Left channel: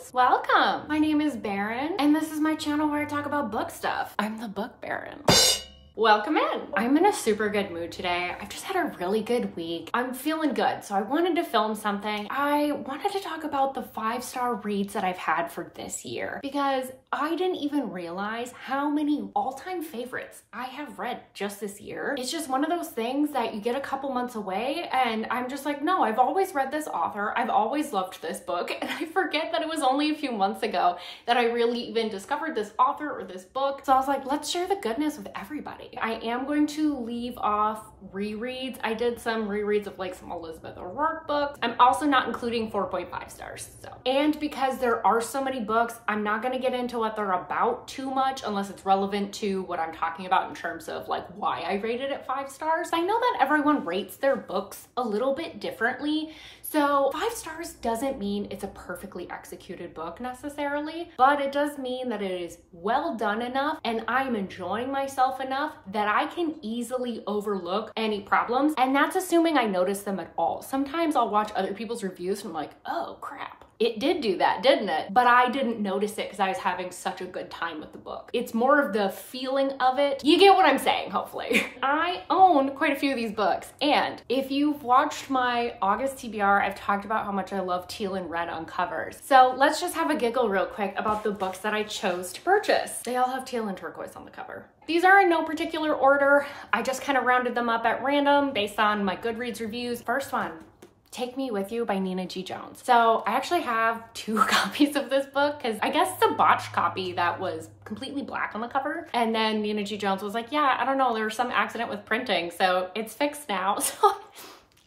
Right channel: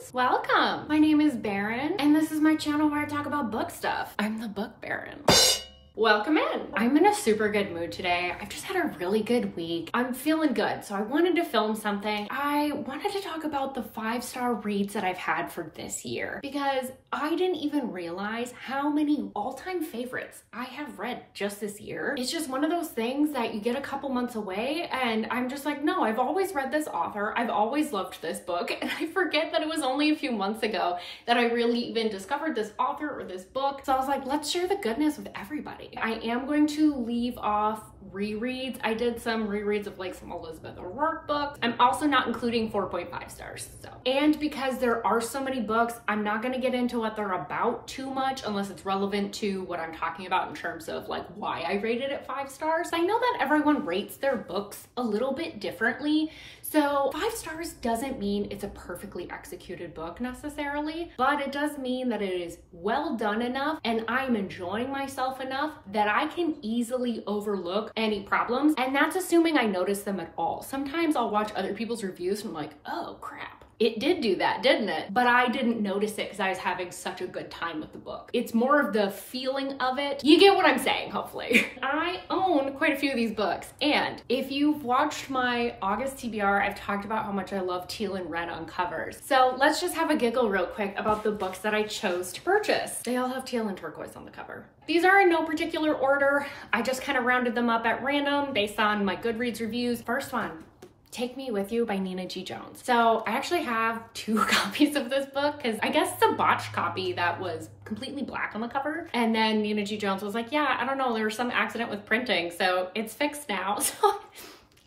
friends, welcome. My name is Baron, and this is my channel where I talk about book stuff. I'm the book Baron. Welcome in. I'm in a super good mood today. I've just had a really good week. I'm feeling good, so I wanted to film something. I wanted to talk about the 5-star reads that I've had for this year because I didn't even realize how many all-time favorites I have read just this year. It's just one of those things that you get a couple months away and I'm just like, no, I've always read this author. I've always loved this book, and I forget that it was only a few months ago that I really even discovered this author or this book. So I was like, let's share the goodness with everybody. I am going to leave off rereads. I did some rereads of like some Elizabeth O'Rourke books. I'm also not including 4.5 stars. And because there are so many books, I'm not going to get into what they're about too much unless it's relevant to what I'm talking about in terms of like why I rated it 5 stars. I know that everyone rates their books a little bit differently. So 5 stars doesn't mean it's a perfectly executed book necessarily, but it does mean that it is well done enough and I'm enjoying myself enough that I can easily overlook any problems. And that's assuming I notice them at all. Sometimes I'll watch other people's reviews and I'm like, oh crap. It did do that, didn't it? But I didn't notice it because I was having such a good time with the book. It's more of the feeling of it. You get what I'm saying, hopefully. I own quite a few of these books. And if you've watched my August TBR, I've talked about how much I love teal and red on covers. So let's just have a giggle real quick about the books that I chose to purchase. They all have teal and turquoise on the cover. These are in no particular order. I just kind of rounded them up at random based on my Goodreads reviews. First one, Take Me With You by Nina G. Jones. So I actually have 2 copies of this book because I guess it's a botched copy that was completely black on the cover. And then Nina G. Jones was like, yeah, I don't know, there was some accident with printing, so it's fixed now. So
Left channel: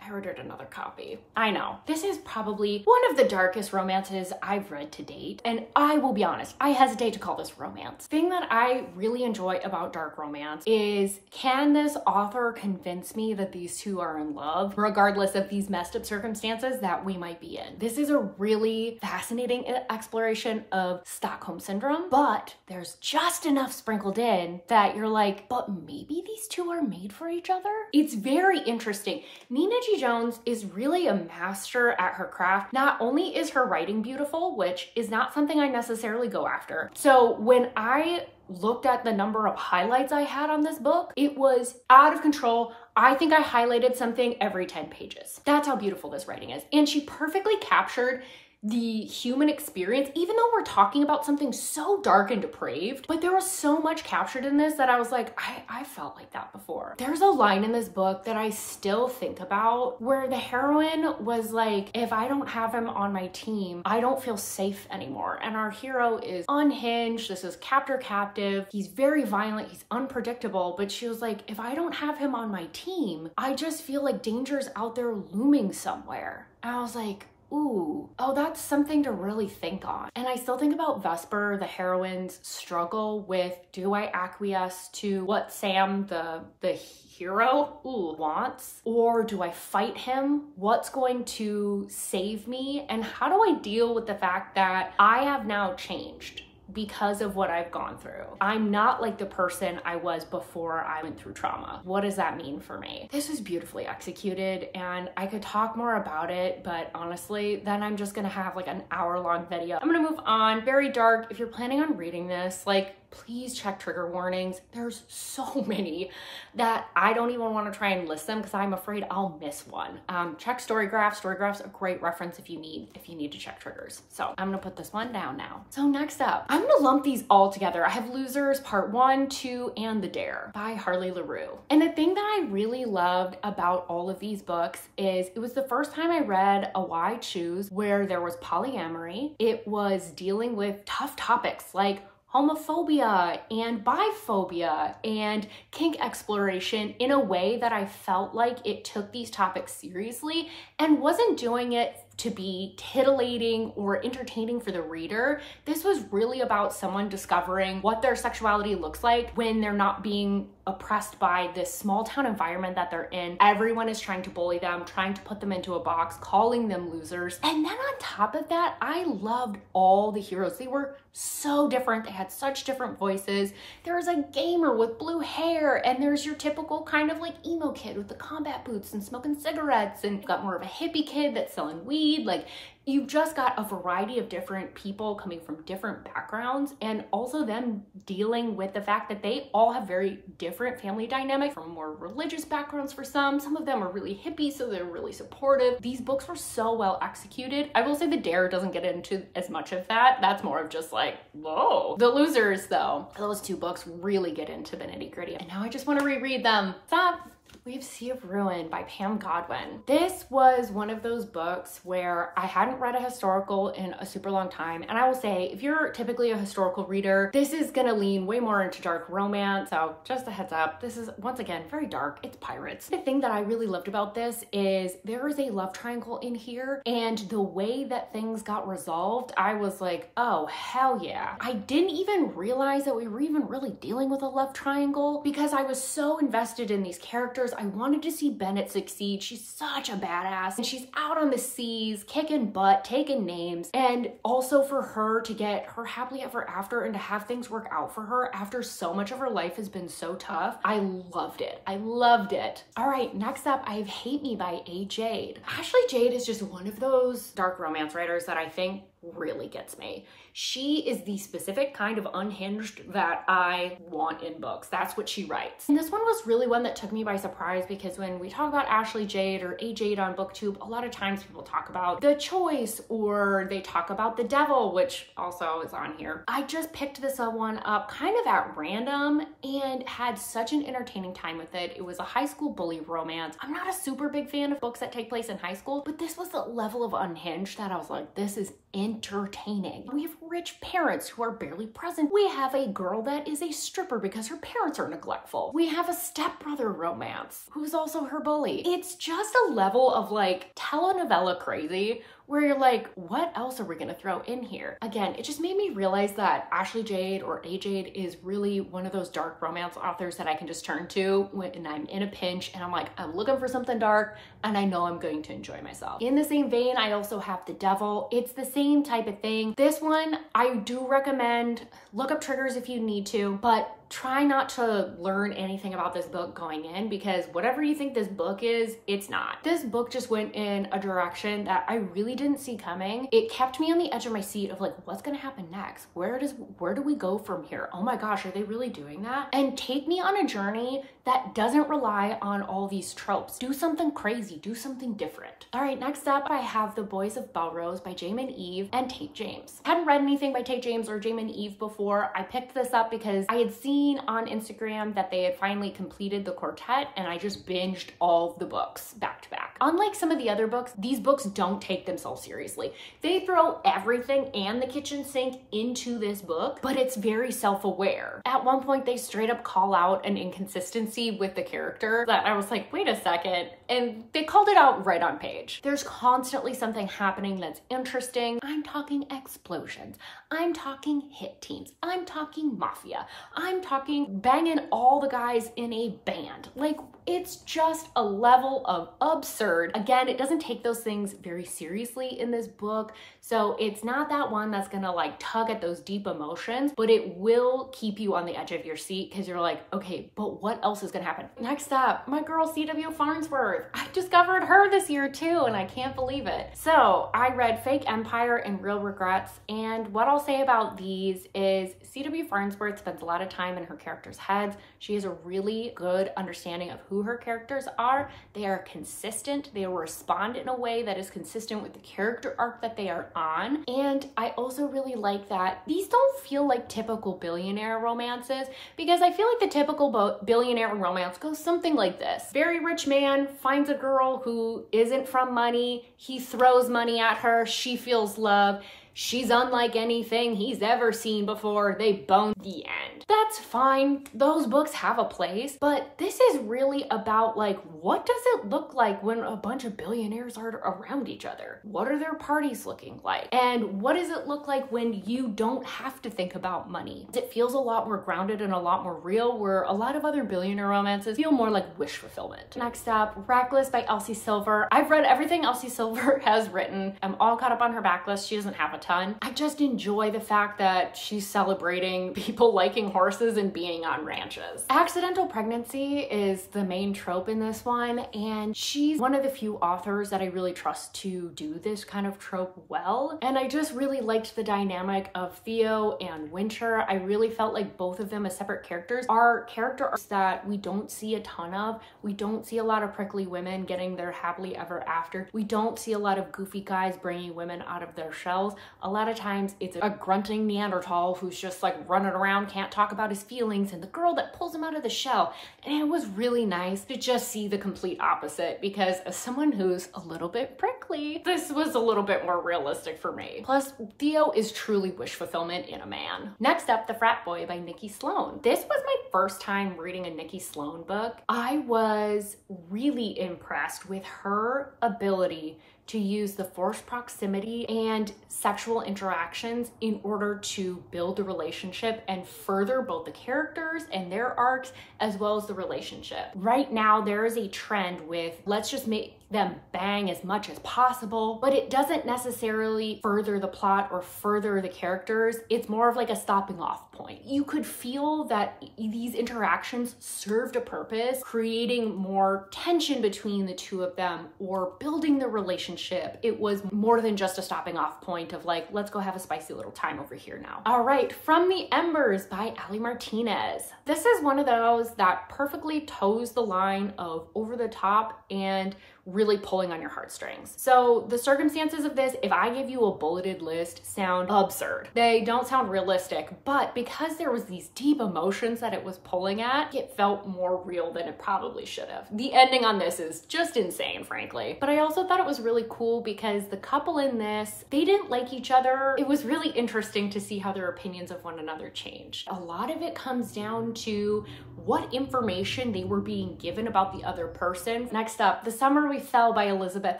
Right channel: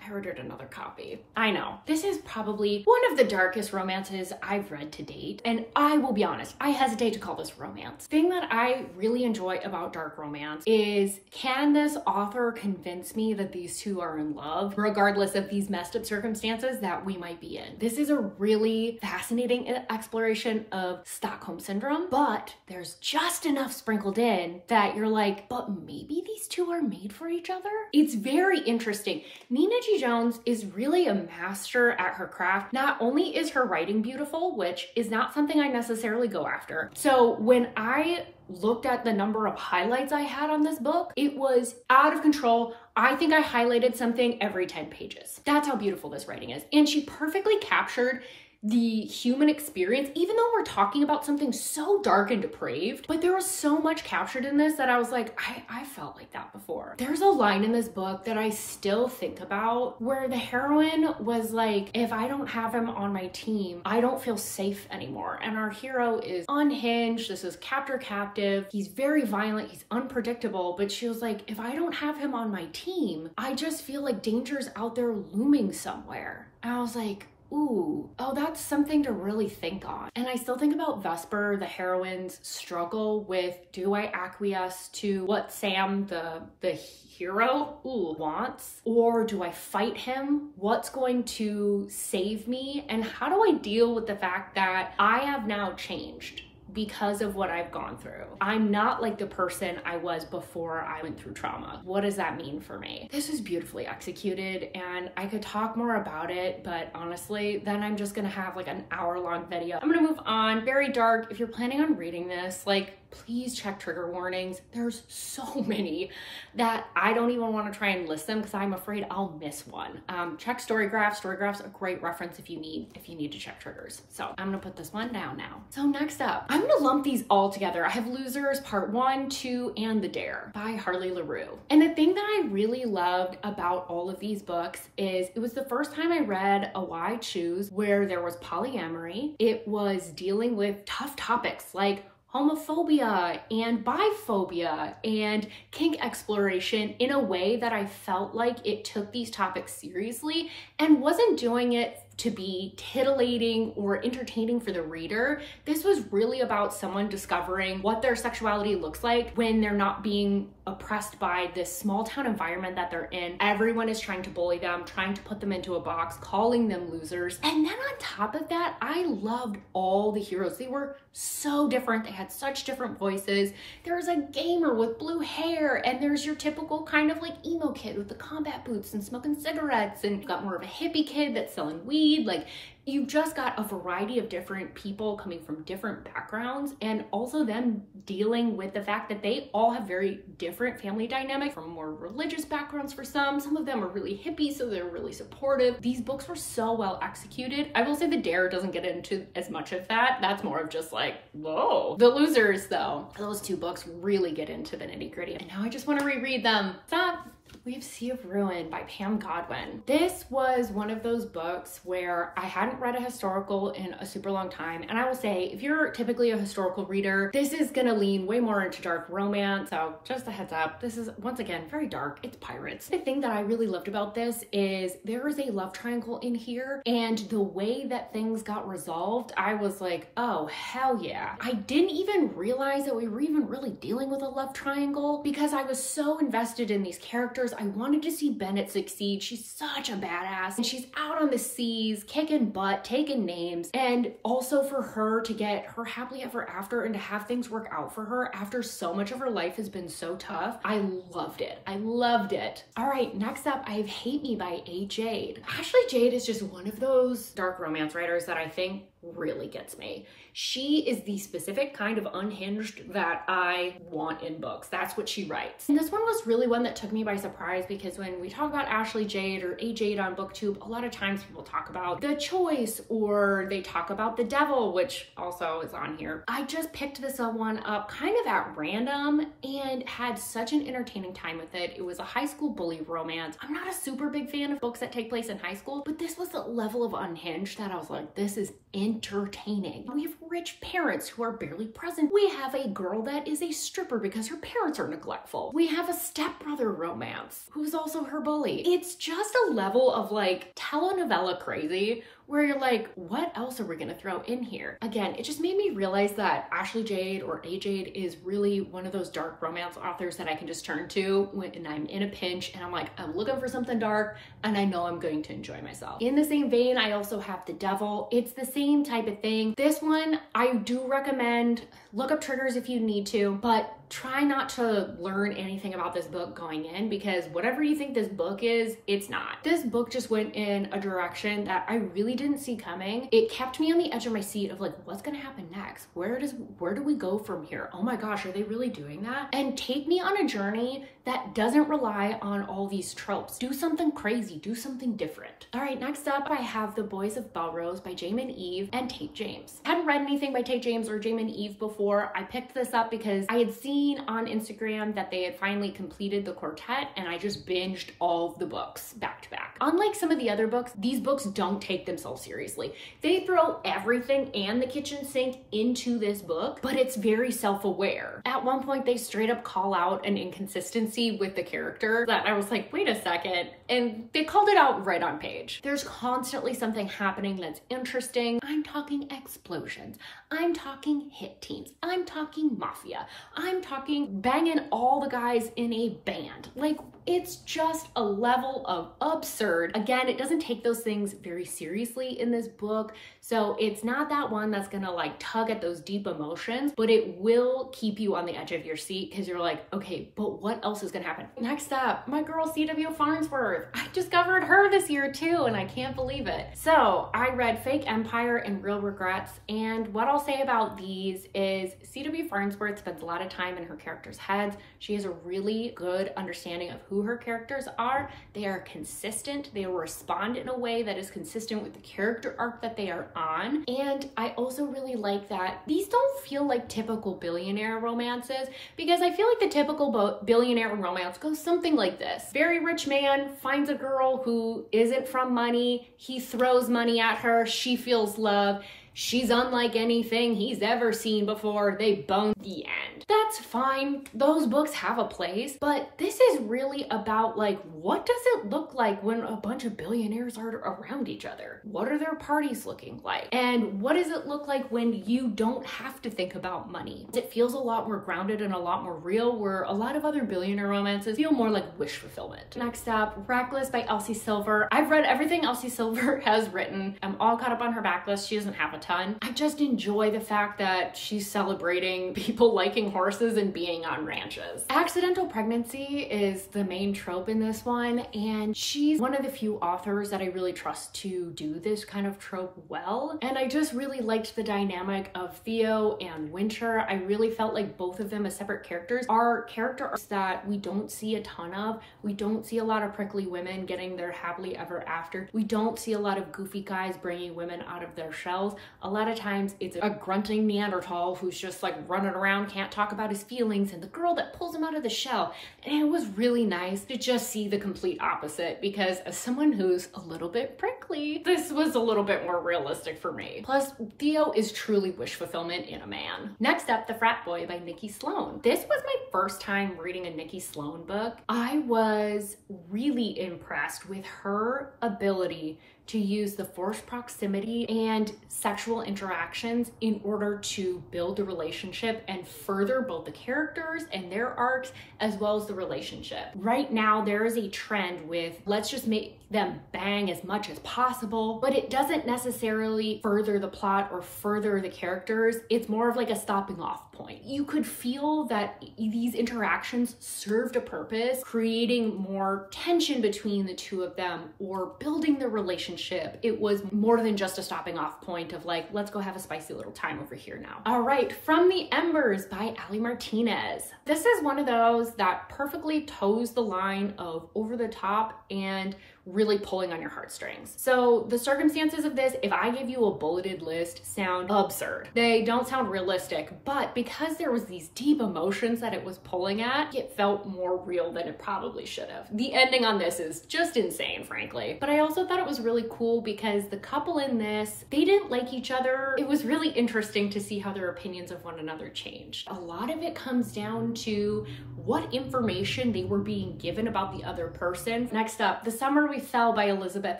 I ordered another copy. I know. This is probably one of the darkest romances I've read to date. And I will be honest, I hesitate to call this romance. The thing that I really enjoy about dark romance is, can this author convince me that these two are in love, regardless of these messed up circumstances that we might be in? This is a really fascinating exploration of Stockholm Syndrome, but there's just enough sprinkled in that you're like, but maybe these two are made for each other? It's very interesting. Nina G. Jones is really a master at her craft. Not only is her writing beautiful, which is not something I necessarily go after. So when I looked at the number of highlights I had on this book, it was out of control. I think I highlighted something every 10 pages. That's how beautiful this writing is. And she perfectly captured the human experience, even though we're talking about something so dark and depraved, but there was so much captured in this that I was like, I felt like that before. There's a line in this book that I still think about where the heroine was like, if I don't have him on my team, I don't feel safe anymore. And our hero is unhinged. This is captive. He's very violent. He's unpredictable. But she was like, if I don't have him on my team, I just feel like danger's out there looming somewhere. And I was like, ooh, oh, that's something to really think on. And I still think about Vesper, the heroine's struggle with, do I acquiesce to what Sam, the hero, wants? Or do I fight him? What's going to save me? And how do I deal with the fact that I have now changed because of what I've gone through? I'm not like the person I was before I went through trauma. What does that mean for me? This was beautifully executed and I could talk more about it, but honestly, then I'm just gonna have like an hour-long video. I'm gonna move on. Very dark. If you're planning on reading this, like, please check trigger warnings. There's so many that I don't even want to try and list them because I'm afraid I'll miss one. Check Storygraph. Storygraph's a great reference if you need to check triggers. So I'm gonna put this one down now. So next up, I'm gonna lump these all together. I have Losers Part 1, 2, and The Dare by Harley LaRue. And the thing that I really loved about all of these books is it was the first time I read a Why Choose where there was polyamory. It was dealing with tough topics like homophobia and biphobia and kink exploration in a way that I felt like it took these topics seriously and wasn't doing it to be titillating or entertaining for the reader. This was really about someone discovering what their sexuality looks like when they're not being oppressed by this small town environment that they're in. Everyone is trying to bully them, trying to put them into a box, calling them losers. And then on top of that, I loved all the heroes. They were so different. They had such different voices. There was a gamer with blue hair, and there's your typical kind of like emo kid with the combat boots and smoking cigarettes, and got more of a hippie kid that's selling weed. Like, You've just got a variety of different people coming from different backgrounds, and also them dealing with the fact that they all have very different family dynamics, from more religious backgrounds for some. Some of them are really hippie, so they're really supportive. These books were so well executed. I will say The Dare doesn't get into as much of that. That's more of just like, whoa. The Losers, though, those two books really get into the nitty-gritty. And now I just want to reread them. Stop. We have Sea of Ruin by Pam Godwin. This was one of those books where I hadn't read a historical in a super long time. And I will say, if you're typically a historical reader, this is gonna lean way more into dark romance. So just a heads up, this is, once again, very dark. It's pirates. The thing that I really loved about this is there is a love triangle in here, and the way that things got resolved, I was like, oh, hell yeah. I didn't even realize that we were even really dealing with a love triangle because I was so invested in these characters. I wanted to see Bennett succeed. She's such a badass, and she's out on the seas, kicking butt, taking names, and also for her to get her happily ever after and to have things work out for her after so much of her life has been so tough. I loved it. I loved it. All right, next up, I have Hate Me by A. Jade. Ashley Jade is just one of those dark romance writers that I think really gets me. She is the specific kind of unhinged that I want in books. That's what she writes. And this one was really one that took me by surprise, because when we talk about Ashley Jade or A. Jade on BookTube, a lot of times people talk about The Choice, or they talk about The Devil, which also is on here. I just picked this one up kind of at random and had such an entertaining time with it. It was a high school bully romance. I'm not a super big fan of books that take place in high school, but this was a level of unhinged that I was like, this is entertaining. We have rich parents who are barely present. We have a girl that is a stripper because her parents are neglectful. We have a stepbrother romance who's also her bully. It's just a level of like telenovela crazy where you're like, what else are we gonna throw in here? Again, it just made me realize that Ashley Jade or A. Jade is really one of those dark romance authors that I can just turn to when I'm in a pinch and I'm like, I'm looking for something dark and I know I'm going to enjoy myself. In the same vein, I also have The Devil. It's the same type of thing. This one, I do recommend, look up triggers if you need to, but try not to learn anything about this book going in, because whatever you think this book is, it's not. This book just went in a direction that I really didn't see coming. It kept me on the edge of my seat of like, what's gonna happen next? Where do we go from here? Oh my gosh, are they really doing that? And take me on a journey that doesn't rely on all these tropes. Do something crazy, do something different. All right, next up, I have The Boys of Belrose by Jamin Eve and Tate James. I hadn't read anything by Tate James or Jamin Eve before. I picked this up because I had seen on Instagram that they had finally completed the quartet, and I just binged all of the books back to back. Unlike some of the other books, these books don't take themselves seriously. They throw everything and the kitchen sink into this book, but it's very self-aware. At one point, they straight up call out an inconsistency with the character that I was like, wait a second, and they called it out right on page. There's constantly something happening that's interesting. I'm talking explosions. I'm talking hit teens. I'm talking mafia. I'm talking banging all the guys in a band. Like, it's just a level of absurd. Again, it doesn't take those things very seriously in this book. So it's not that one that's gonna like tug at those deep emotions, but it will keep you on the edge of your seat because you're like, okay, but what else is gonna happen? Next up, my girl CW Farnsworth. I discovered her this year too, and I can't believe it. So I read Fake Empire and Real Regrets, and what I'll say about these is CW Farnsworth spends a lot of time in her characters' heads. She has a really good understanding of who her characters are. They are consistent. They respond in a way that is consistent with the character arc that they are on. And I also really like that these don't feel like typical billionaire romances, because I feel like the typical billionaire romance goes something like this. Very rich man finds a girl who isn't from money. He throws money at her. She feels love. She's unlike anything he's ever seen before. They bone. The end. That's fine. Those books have a place, but this is really about like, what does it look like when a bunch of billionaires are around each other? What are their parties looking like? And what does it look like when you don't have to think about money? It feels a lot more grounded and a lot more real, where a lot of other billionaire romances feel more like wish fulfillment. Next up, Reckless by Elsie Silver. I've read everything Elsie Silver has written. I'm all caught up on her backlist. She doesn't have a ton. I just enjoy the fact that she's celebrating people liking horses and being on ranches. Accidental pregnancy is the main trope in this one, and she's one of the few authors that I really trust to do this kind of trope well. And I just really liked the dynamic of Theo and Winter. I really felt like both of them as separate characters are characters that we don't see a ton of. We don't see a lot of prickly women getting their happily ever after. We don't see a lot of goofy guys bringing women out of their shells. A lot of times it's a grunting Neanderthal who's just like running around, can't talk about his feelings, and the girl that pulls him out of the shell. And it was really nice to just see the complete opposite, because as someone who's a little bit prickly, this was a little bit more realistic for me. Plus, Theo is truly wish fulfillment in a man. Next up, The Frat Boy by Nikki Sloan. This was my first time reading a Nikki Sloan book. I was really impressed with her ability to use the forced proximity and sexual interactions in order to build the relationship and further both the characters and their arcs as well as the relationship. Right now, there is a trend with let's just make them bang as much as possible, but it doesn't necessarily further the plot or further the characters. It's more of like a stopping off point. You could feel that these interactions served a purpose, creating more tension between the two of them or building the relationship. It was more than just a stopping off point of like, let's go have a spicy little time over here now. All right, From the Embers by Ali Martinez. This is one of those that perfectly toes the line of over the top and really pulling on your heartstrings. So the circumstances of this, if I give you a bulleted list, sound absurd. They don't sound realistic, but because there was these deep emotions that it was pulling at, it felt more real than it probably should have. The ending on this is just insane, frankly. But I also thought it was really cool because the couple in this, they didn't like each other. It was really interesting to see how their opinions of one another changed. A lot of it comes down to what information they were being given about the other person. Next up, The Summer We Fell by Elizabeth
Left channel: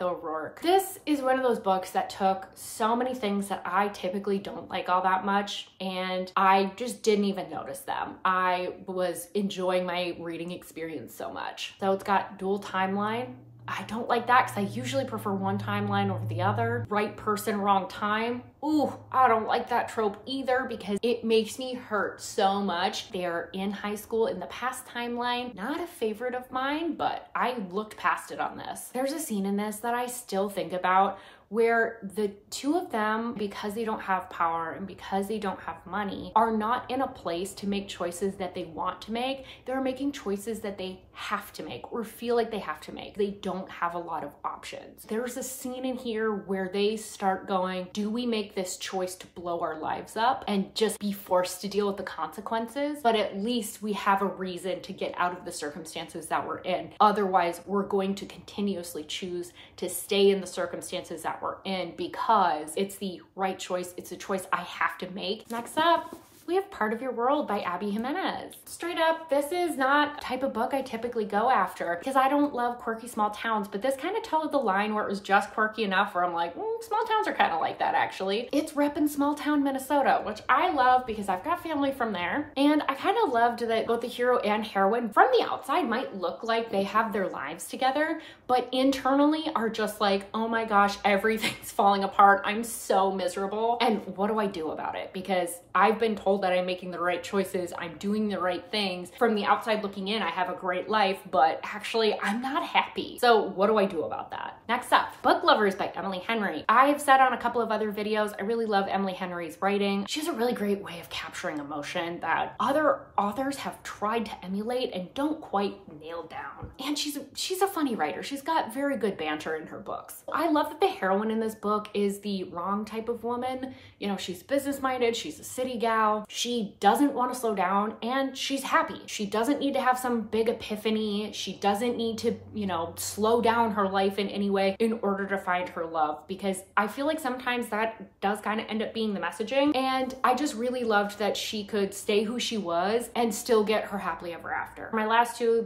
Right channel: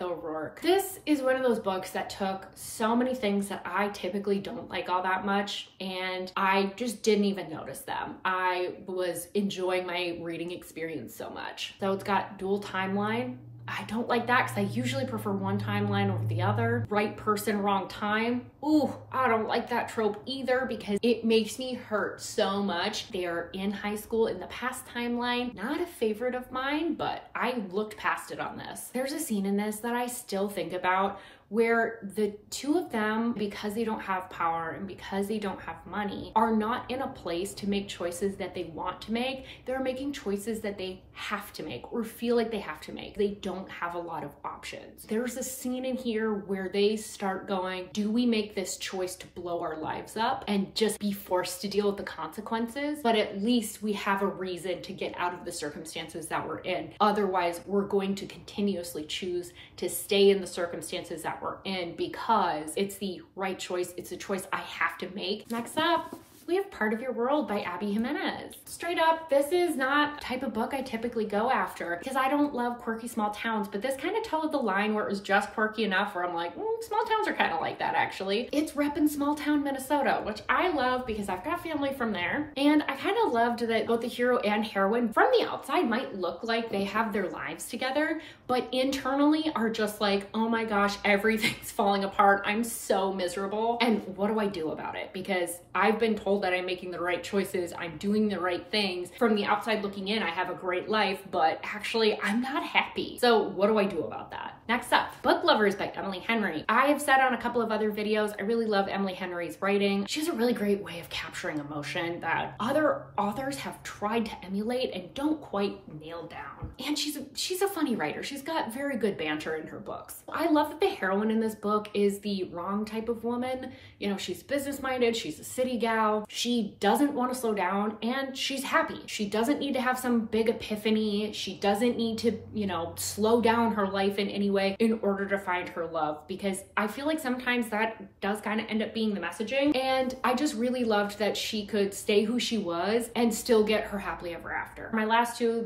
O'Rourke. This is one of those books that took so many things that I typically don't like all that much, and I just didn't even notice them. I was enjoying my reading experience so much. So it's got dual timeline. I don't like that because I usually prefer one timeline over the other. Right person, wrong time. Ooh, I don't like that trope either because it makes me hurt so much. They're in high school in the past timeline. Not a favorite of mine, but I looked past it on this. There's a scene in this that I still think about where the two of them, because they don't have power and because they don't have money, are not in a place to make choices that they want to make. They're making choices that they have to make or feel like they have to make. They don't have a lot of options. There's a scene in here where they start going, do we make this choice to blow our lives up and just be forced to deal with the consequences? But at least we have a reason to get out of the circumstances that we're in. Otherwise, we're going to continuously choose to stay in the circumstances that we're in because it's the right choice. It's a choice I have to make. Next up, we have Part of Your World by Abby Jimenez. Straight up, this is not the type of book I typically go after because I don't love quirky small towns, but this kind of toed the line where it was just quirky enough where I'm like, small towns are kind of like that actually. It's repping small town Minnesota, which I love because I've got family from there. And I kind of loved that both the hero and heroine from the outside might look like they have their lives together, but internally are just like, oh my gosh, everything's falling apart. I'm so miserable. And what do I do about it? Because I've been told that I'm making the right choices, I'm doing the right things. From the outside looking in, I have a great life, but actually I'm not happy. So what do I do about that? Next up, Book Lovers by Emily Henry. I have said on a couple of other videos, I really love Emily Henry's writing. She has a really great way of capturing emotion that other authors have tried to emulate and don't quite nail down. And she's a funny writer. She's got very good banter in her books. I love that the heroine in this book is the wrong type of woman. You know, she's business-minded, she's a city gal, she doesn't want to slow down, and she's happy. She doesn't need to have some big epiphany. She doesn't need to, you know, slow down her life in any way in order to find her love, because I feel like sometimes that does kind of end up being the messaging. And I just really loved that she could stay who she was and still get her happily ever after. My last two,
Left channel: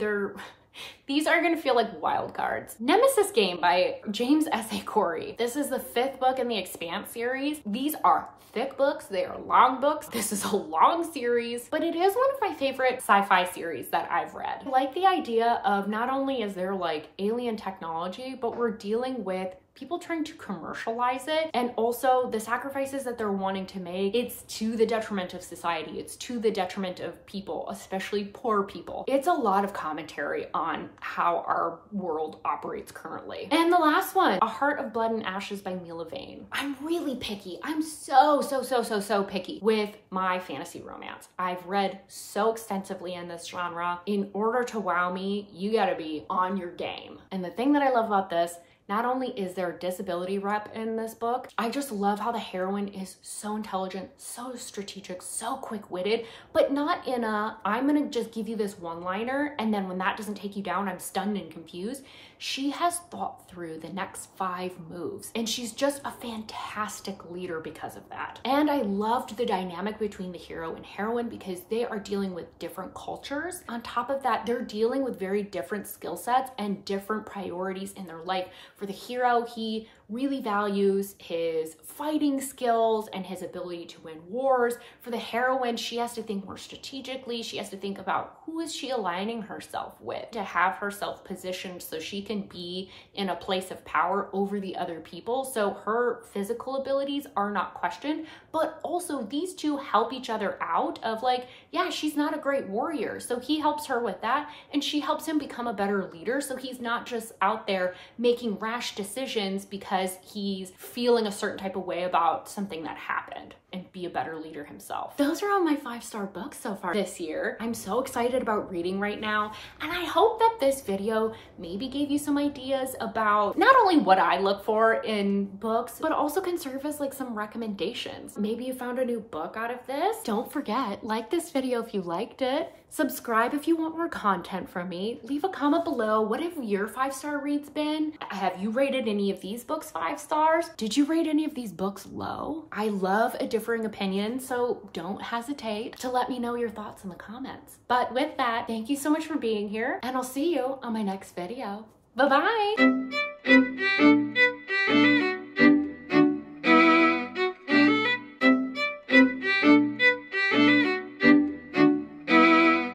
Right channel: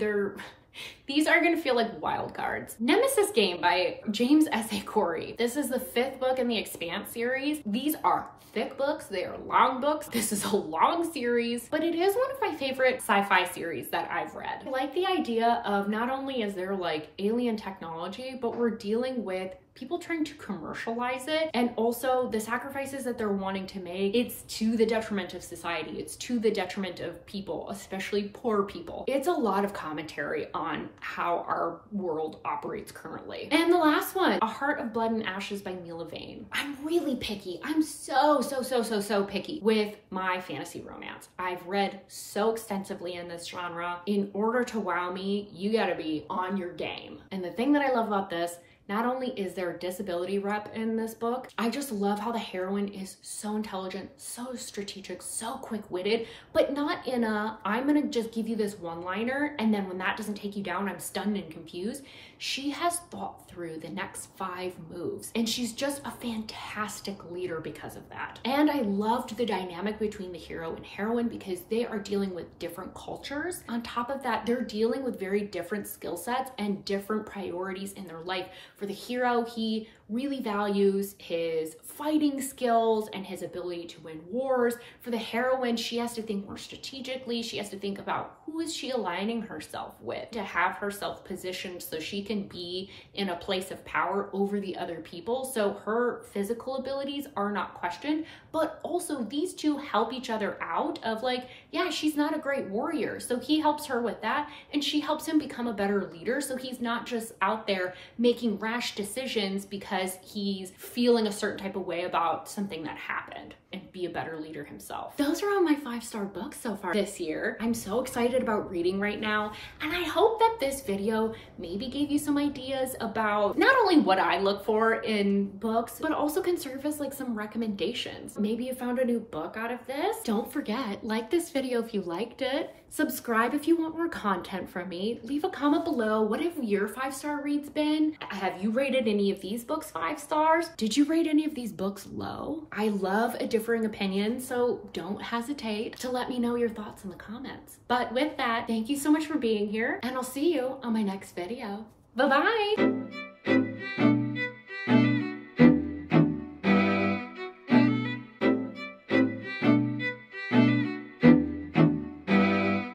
These are gonna feel like wild cards. Nemesis Game by James S.A. Corey. This is the 5th book in the Expanse series. These are thick books, they are long books. This is a long series, but it is one of my favorite sci-fi series that I've read. I like the idea of not only is there like alien technology, but we're dealing with people trying to commercialize it, and also the sacrifices that they're wanting to make, it's to the detriment of society. It's to the detriment of people, especially poor people. It's a lot of commentary on how our world operates currently. And the last one, A Heart of Blood and Ashes by Mila Vane. I'm really picky. I'm so picky with my fantasy romance. I've read so extensively in this genre. In order to wow me, you gotta be on your game. And the thing that I love about this, not only is there a disability rep in this book, I just love how the heroine is so intelligent, so strategic, so quick-witted, but not in a, I'm gonna just give you this one-liner, and then when that doesn't take you down, I'm stunned and confused. She has thought through the next 5 moves, and she's just a fantastic leader because of that. And I loved the dynamic between the hero and heroine because they are dealing with different cultures. On top of that, they're dealing with very different skill sets and different priorities in their life. For the hero, he really values his fighting skills and his ability to win wars. For the heroine, she has to think more strategically. She has to think about who is she aligning herself with to have herself positioned so she can be in a place of power over the other people. So her physical abilities are not questioned, but also these two help each other out of like, yeah, she's not a great warrior. So he helps her with that, and she helps him become a better leader. So he's not just out there making rash decisions because he's feeling a certain type of way about something that happened, and be a better leader himself. Those are all my 5-star books so far this year. I'm so excited about reading right now, and I hope that this video maybe gave you some ideas about not only what I look for in books, but also can serve as like some recommendations. Maybe you found a new book out of this. Don't forget, like this video if you liked it. Subscribe if you want more content from me. Leave a comment below. What have your 5-star reads been? Have you rated any of these books 5 stars? Did you rate any of these books low? I love a differing opinion, so don't hesitate to let me know your thoughts in the comments. But with that, thank you so much for being here, and I'll see you on my next video. Bye-bye.